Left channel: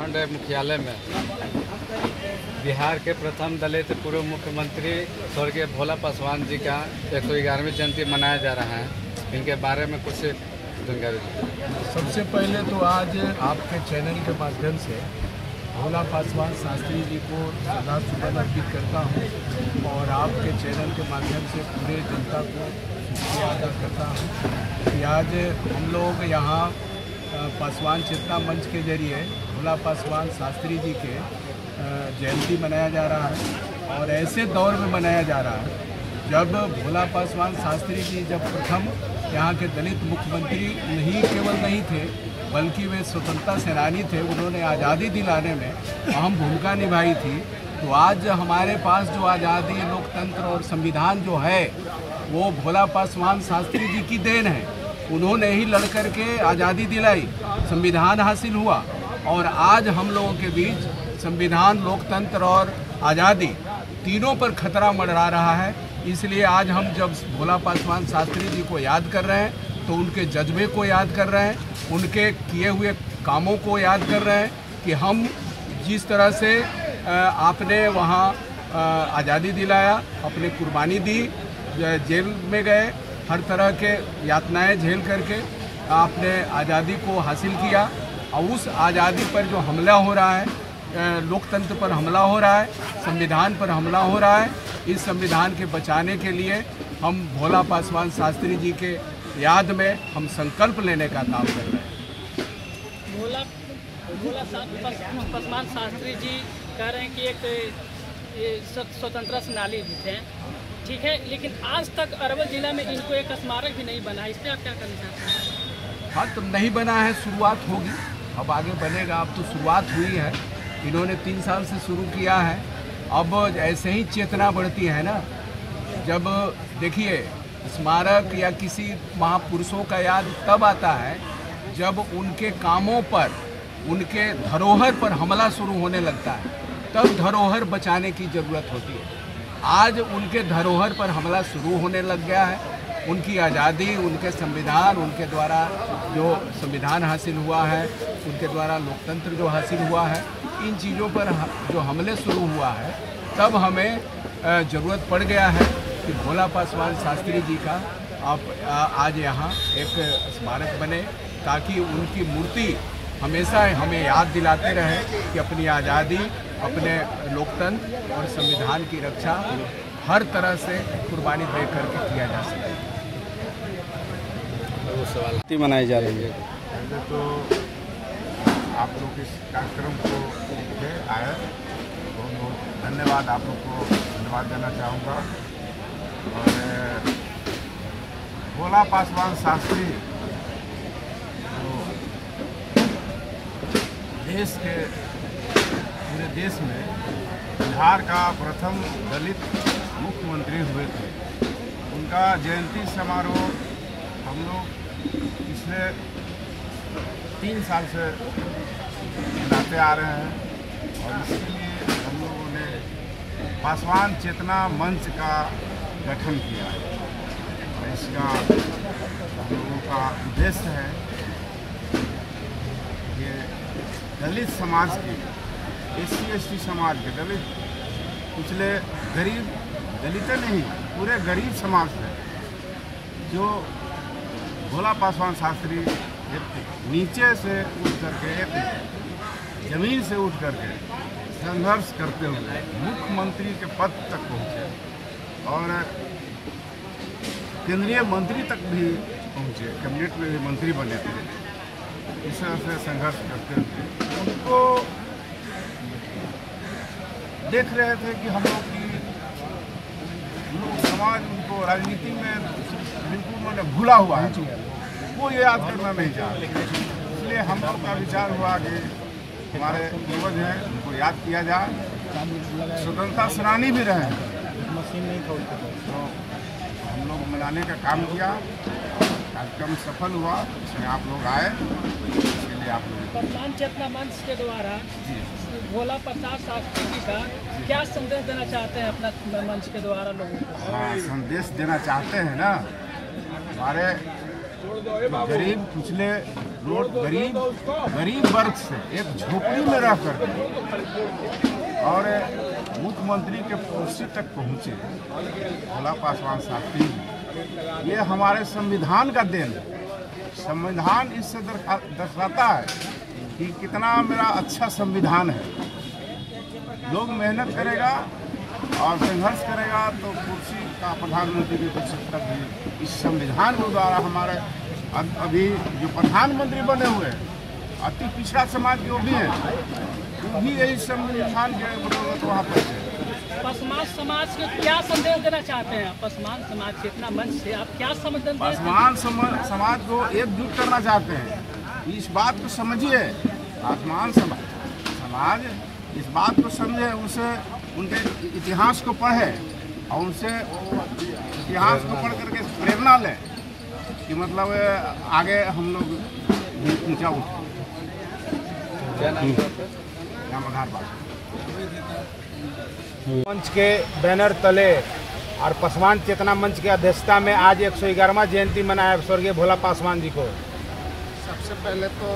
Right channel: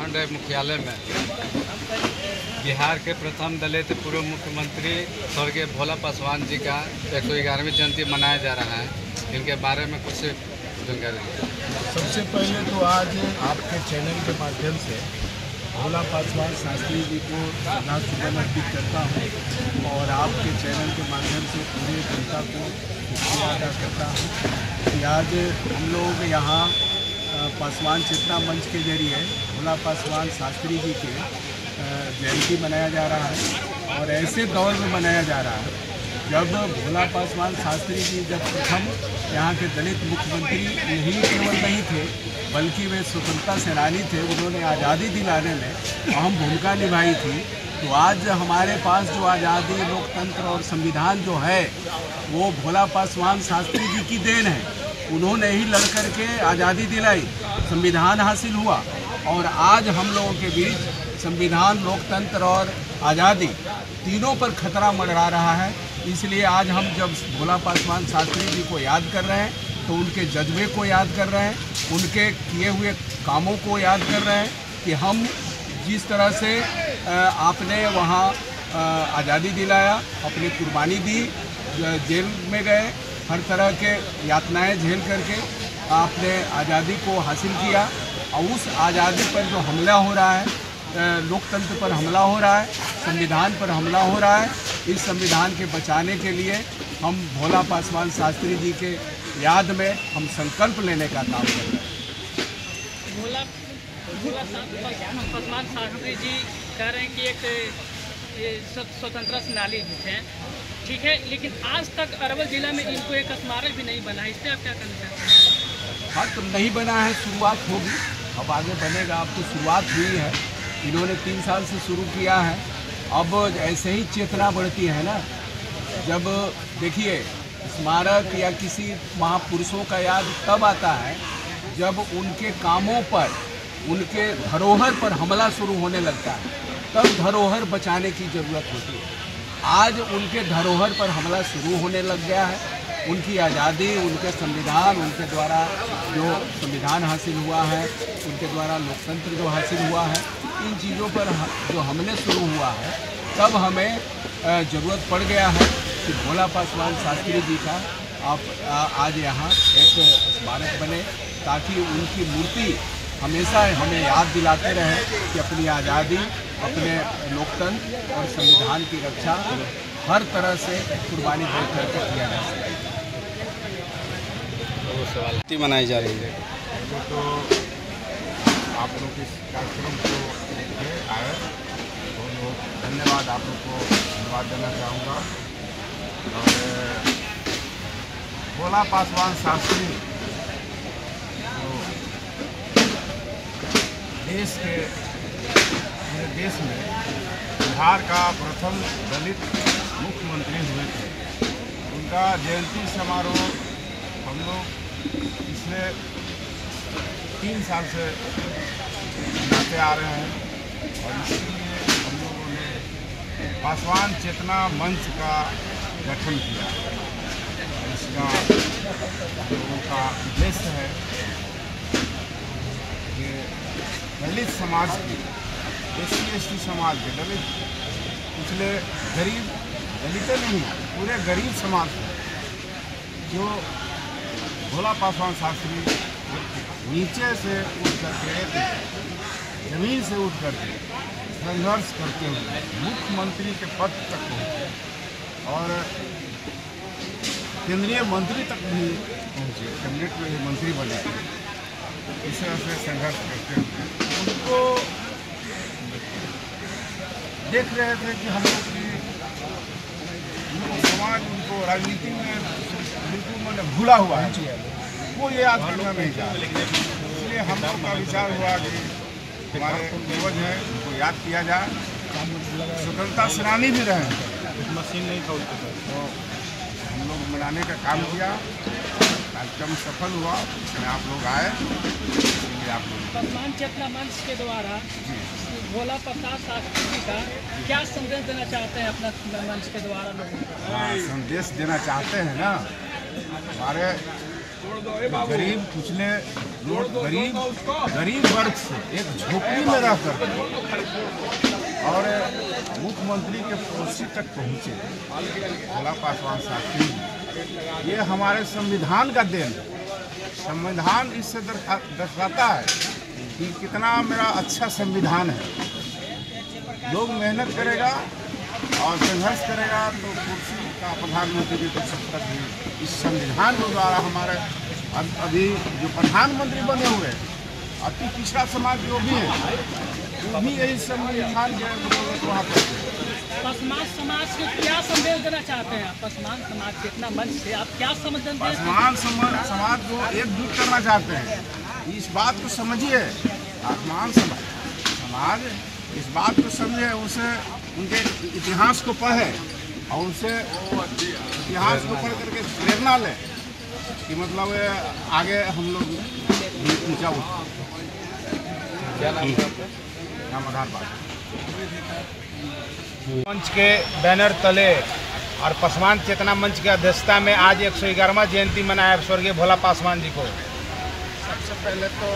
प्रखंड मुख्यालय में बिहार के प्रथम दलित पूर्व मुख्यमंत्री स्वर्गीय भोला पासवान जी का 111वीं जयंती मनाया जा रहा है। इनके बारे में कुछ जानकारी। सबसे पहले तो आज आपके चैनल के माध्यम से भोला पासवान शास्त्री जी को श्रद्धासुमन अर्पित करता हूँ और आपके चैनल के माध्यम से पूरे जनता को शुक्रिया अदा करता हूँ कि आज हम लोग यहाँ पासवान चेतना मंच के जरिए भोला पासवान शास्त्री जी के जयंती मनाया जा रहा है और ऐसे दौर में मनाया जा रहा है जब भोला पासवान शास्त्री जी जब प्रथम यहाँ के दलित मुख्यमंत्री नहीं थे बल्कि वे स्वतंत्रता सेनानी थे। उन्होंने आज़ादी दिलाने में अहम भूमिका निभाई थी। तो आज हमारे पास जो आज़ादी, लोकतंत्र और संविधान जो है वो भोला पासवान शास्त्री जी की देन है। उन्होंने ही लड़ कर के आज़ादी दिलाई, संविधान हासिल हुआ और आज हम लोगों के बीच संविधान, लोकतंत्र और आज़ादी तीनों पर खतरा मंडरा रहा है। इसलिए आज हम जब भोला पासवान शास्त्री जी को याद कर रहे हैं तो उनके जज्बे को याद कर रहे हैं, उनके किए हुए कामों को याद कर रहे हैं कि हम जिस तरह से आपने वहाँ आज़ादी दिलाया, अपनी कुर्बानी दी, जेल में गए, हर तरह के यातनाएं झेल करके आपने आज़ादी को हासिल किया और उस आज़ादी पर जो हमला हो रहा है, लोकतंत्र पर हमला हो रहा है, संविधान पर हमला हो रहा है, इस संविधान के बचाने के लिए हम भोला पासवान शास्त्री जी के याद में हम संकल्प लेने का काम कर रहे हैं। भोला पासवान शास्त्री जी कह रहे हैं कि एक स्वतंत्रता सेनानी भी थे, ठीक है, लेकिन आज तक अरवल जिला में इनको एक स्मारक भी नहीं बना है। इस पर आप क्या कहना चाहते हैं? हाँ, तो नहीं बना है, शुरुआत होगी, अब आगे बनेगा। अब तो शुरुआत हुई है, इन्होंने 3 साल से शुरू किया है। अब ऐसे ही चेतना बढ़ती है ना। जब देखिए स्मारक या किसी महापुरुषों का याद तब आता है जब उनके कामों पर, उनके धरोहर पर हमला शुरू होने लगता है, तब धरोहर बचाने की ज़रूरत होती है। आज उनके धरोहर पर हमला शुरू होने लग गया है। उनकी आज़ादी, उनके संविधान, उनके द्वारा जो संविधान हासिल हुआ है, उनके द्वारा लोकतंत्र जो हासिल हुआ है, इन चीज़ों पर जो हमले शुरू हुआ है, तब हमें ज़रूरत पड़ गया है कि भोला पासवान शास्त्री जी का आज यहाँ एक स्मारक बने ताकि उनकी मूर्ति हमेशा हमें याद दिलाते रहे कि अपनी आज़ादी, अपने लोकतंत्र और संविधान की रक्षा हर तरह से कुर्बानी दे करके किया जा सके। मनाई जा रही है। पहले तो आप लोग इस कार्यक्रम को आए, बहुत बहुत धन्यवाद, आप लोग को धन्यवाद देना चाहूँगा। और भोला पासवान शास्त्री जो देश के, पूरे देश में बिहार का प्रथम दलित मुख्यमंत्री हुए थे, उनका जयंती समारोह हम लोग पिछले 3 साल से मनाते आ रहे हैं और इसलिए हम लोगों ने पासवान चेतना मंच का गठन किया। इसका हम लोगों का उद्देश्य है कि दलित समाज की, SC/ST समाज के, दलित पिछले गरीब, दलित नहीं, पूरे गरीब समाज है जो भोला पासवान शास्त्री नीचे से उठ करके, जमीन से उठ करके संघर्ष करते हुए मुख्यमंत्री के पद तक पहुँचे और केंद्रीय मंत्री तक भी पहुँचे, कैबिनेट में भी मंत्री बने थे। इस तरह से संघर्ष करते हुए उनको देख रहे थे कि हम लोग की समाज उनको राजनीति में बिल्कुल मैंने भूला हुआ है, वो ये याद करना नहीं चाहते। इसलिए हम लोग का विचार हुआ कि हमारे पूर्वज हैं, उनको याद किया जाए। स्वतंत्रता सेनानी भी रहे हैं, तो हम लोग मनाने का काम किया। कार्यक्रम सफल हुआ, इसमें आप लोग आए, इसके लिए आप लोग। पासवान चेतना मंच के द्वारा भोला पासवान शास्त्री जी का क्या संदेश देना चाहते हैं अपना मंच के द्वारा लोगों को? हाँ, संदेश देना चाहते हैं ना। हमारे गरीब कुचले लोग, गरीब वर्ग से एक झोपड़ी में रहकर और मुख्यमंत्री के कुर्सी तक पहुँचे भोला पासवान शास्त्री जी, ये हमारे संविधान का देन है। संविधान इससे दर्शाता है कि कितना मेरा अच्छा संविधान है। लोग मेहनत करेगा और संघर्ष करेगा तो कुर्सी का प्रधानमंत्री के तो सब तक भी इस संविधान के द्वारा हमारे अभी जो प्रधानमंत्री बने हुए हैं अति पिछड़ा समाज जो भी है वो भी यही संविधान के वहाँ पर। पसमान समाज को क्या संदेश देना चाहते हैं? पसमान समाज के इतना मंच से आप क्या संदेश? पसमान समाज को एकजुट करना चाहते हैं। इस बात को समझिए, पसमान समाज इस बात को समझे, उसे उनके इतिहास को पढ़े और उनसे इतिहास को पढ़ करके प्रेरणा लें कि मतलब आगे हम लोग ऊंचा उठें। मंच के बैनर तले और पासवान चेतना मंच की अध्यक्षता में आज 111वां जयंती मनाया स्वर्गीय भोला पासवान जी को। सबसे पहले तो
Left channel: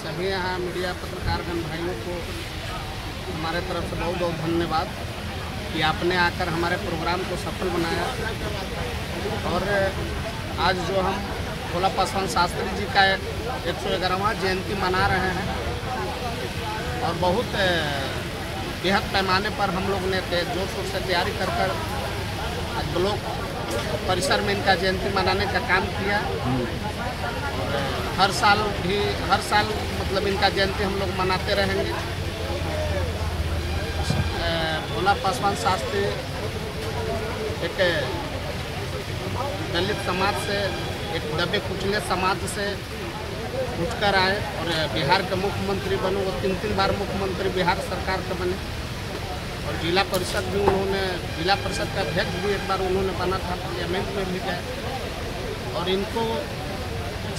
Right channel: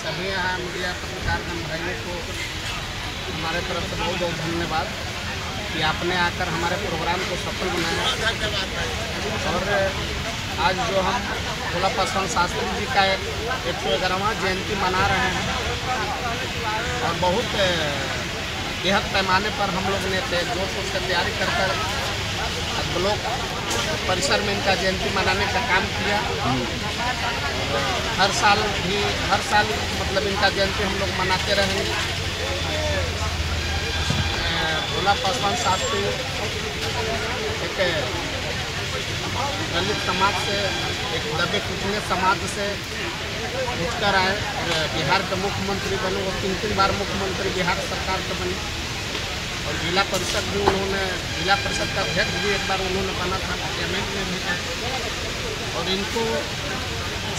सभी यहाँ मीडिया पत्रकारगण भाइयों को हमारे तरफ से बहुत बहुत धन्यवाद कि आपने आकर हमारे प्रोग्राम को सफल बनाया। और आज जो हम भोला पासवान शास्त्री जी का 111वां जयंती मना रहे हैं और बहुत बेहद पैमाने पर हम लोग ने जोर शोर से तैयारी कर आज ब्लॉक परिसर में इनका जयंती मनाने का काम किया। हर साल मतलब इनका जयंती हम लोग मनाते रहेंगे। भोला पासवान शास्त्री एक दलित समाज से, एक दबे कुचले समाज से उठकर आए और बिहार के मुख्यमंत्री बने। वो 3 बार मुख्यमंत्री बिहार सरकार के बने और जिला परिषद भी उन्होंने, जिला परिषद का अध्यक्ष भी एक बार उन्होंने बना था, पार्लियामेंट में भी गए। और इनको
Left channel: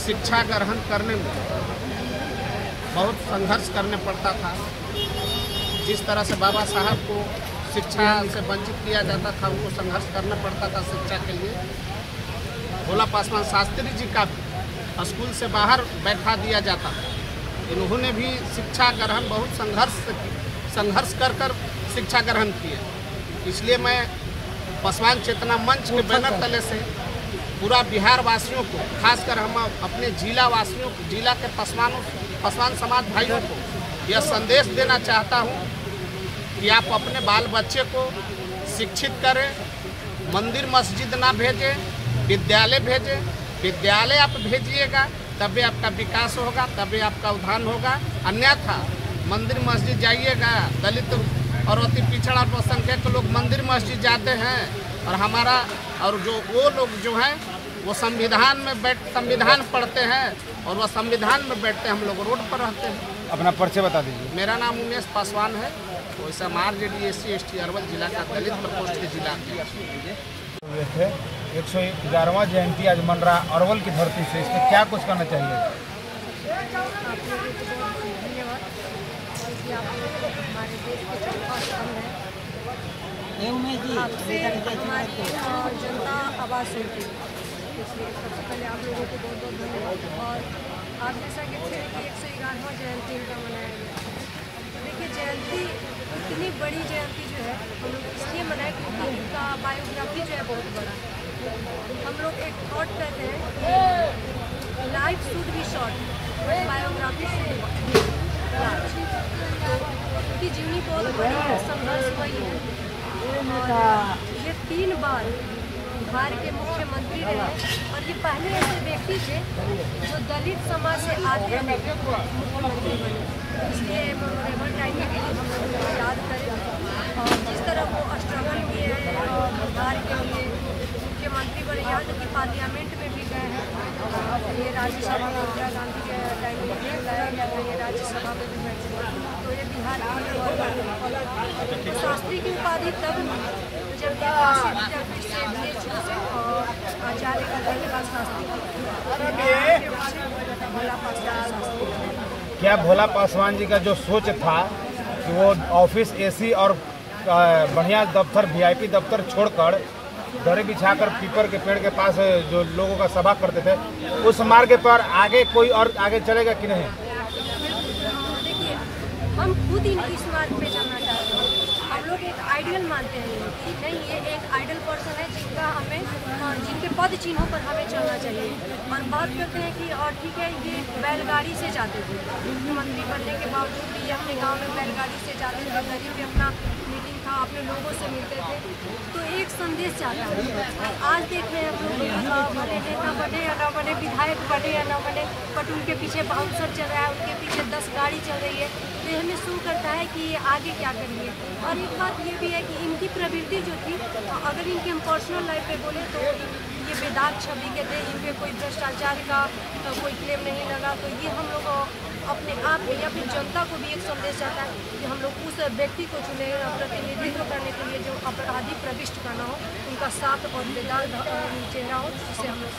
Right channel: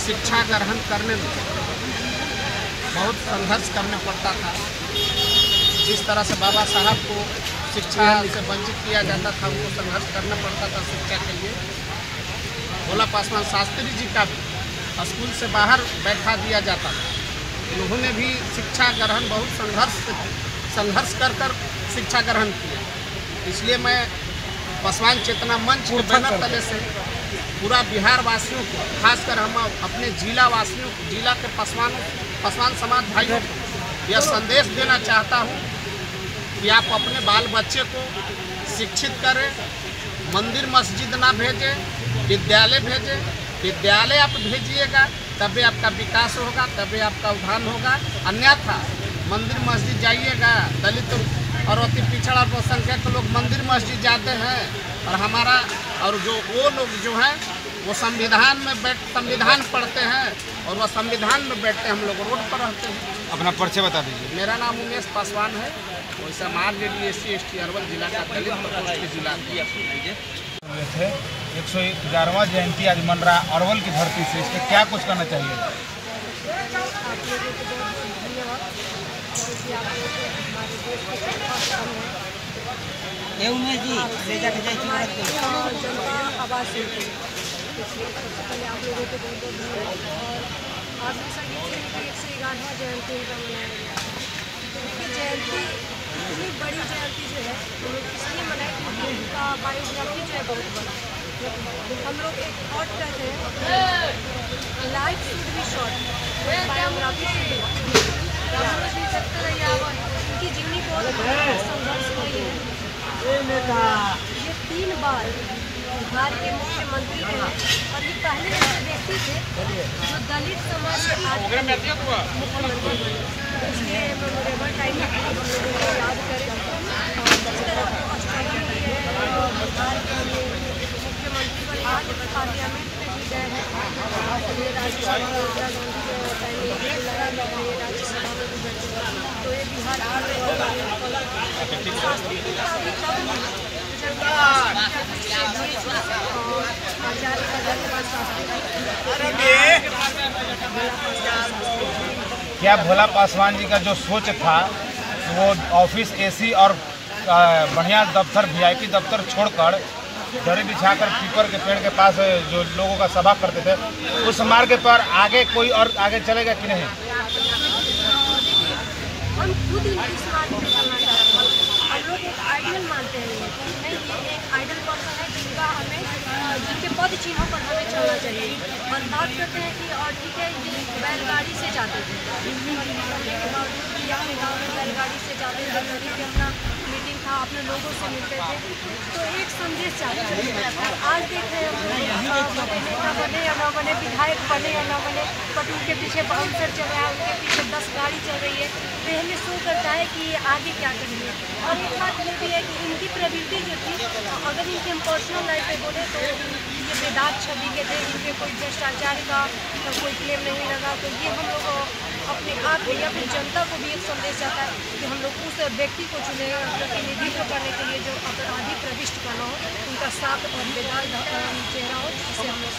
शिक्षा ग्रहण करने में बहुत संघर्ष करना पड़ता था। जिस तरह से बाबा साहब को शिक्षा से वंचित किया जाता था, उनको संघर्ष करना पड़ता था शिक्षा के लिए। भोला पासवान शास्त्री जी का भी स्कूल से बाहर बैठा दिया जाता था। इन्होंने भी शिक्षा ग्रहण बहुत संघर्ष कर शिक्षा ग्रहण किया। इसलिए मैं पासवान चेतना मंच के बैनर तले से पूरा बिहार वासियों को, खासकर हम अपने जिला वासियों को, जिला के पासवान समाज भाइयों को यह संदेश देना चाहता हूँ कि आप अपने बाल बच्चे को शिक्षित करें, मंदिर मस्जिद ना भेजें, विद्यालय भेजें। विद्यालय आप भेजिएगा तभी आपका विकास होगा, तभी आपका उद्धार होगा। अन्यथा मंदिर मस्जिद जाइएगा, दलित और अति पिछड़ा अल्पसंख्यक लोग मंदिर मस्जिद जाते हैं और हमारा और जो वो लोग जो हैं वो संविधान पढ़ते हैं और वह संविधान में बैठते हैं, हम लोग रोड पर रहते हैं। अपना परिचय बता दीजिए। मेरा नाम उमेश पासवान है, वैसा मारजेडी SC/ST अरवल जिला का दलित प्रकोष्ठ के जिला हुए थे। 111वां जयंती आज मन रहा अरवल की धरती से, इसमें क्या कुछ करना चाहिए? आप लोगों को बहुत धन्यवाद क्योंकि आप लोग हमारे देश के जनता आवाज़ सुनती है, इसलिए सबसे पहले आप लोगों को बहुत बहुत धन्यवाद। और आप जैसा कि 111वां जयंती इनका मनाया गया। ये जयंती इतनी बड़ी जयंती जो है हम लोग इसलिए मनाए क्योंकि उनका बायोग्राफी जो है बहुत बड़ा। हम लोग एक थॉट करते हैं life should be short, biography उनकी जीवनी बहुत संघर्ष हुई है। ये 3 बार बिहार के मुख्यमंत्री रहे और ये पहले ऐसे व्यक्ति थे जो दलित समाज से मुख्यमंत्री बने। इसलिए मेमोरेबल टाइम याद करें और जिस तरह वो स्ट्रगल किए हैं बिहार के लिए मुख्यमंत्री बने, यहाँ के पार्लियामेंट में भी गए हैं। ये राज्यसभा में इंदिरा गांधी के टाइम में लड़ाई लड़ रही है, राज्यसभा में भी गए। तो ये बिहार शास्त्री की उपाधि कब और आचार्य का धन्यवाद क्या भोला पासवान जी का जो सोच था वो ऑफिस AC और बढ़िया दफ्तर VIP दफ्तर छोड़कर दरी बिछाकर पीपर के पेड़ के पास जो लोगों का सभा करते थे, उस मार्ग पर आगे कोई और आगे चलेगा कि नहीं? हम खुद इनकी स्मार्ट में चलना चाहते हैं। हम लोग एक आइडियल मानते हैं कि नहीं, ये एक आइडियल पर्सन है जिनका जिनके पद चिन्हों पर हमें चलना चाहिए। और बात करते हैं कि और ठीक है, ये बैलगाड़ी से जाते थे, मुख्यमंत्री बनने के बावजूद भी अपने गाँव में बैलगाड़ी से जाते थे, गरीब के अपना मीटिंग था, अपने लोगों से मिलते थे। तो एक संदेश जाता है। आज देख रहे हैं नेता बने या न बने, विधायक बने या न बने, बट उनके पीछे बाउंसर चल रहा है, उनके पीछे 10 गाड़ी चल रही है। तो हमें शो करता है कि आगे क्या करेंगे। और एक बात ये भी है कि इनकी प्रवृत्ति जो थी, अगर इनके हम पर्सनल लाइफ पे बोले तो ये बेदाग छवि के थे, इनके कोई भ्रष्टाचार का कोई क्लेम नहीं लगा। तो ये हम लोग अपने आप या फिर जनता को भी एक संदेश आता है कि हम लोग उस व्यक्ति को चुने प्रतिनिधित्व करने के लिए जो अपराधी प्रविष्ट करना हो, उनका साफ और बेदाग चेहरा हो, जिससे हम लोग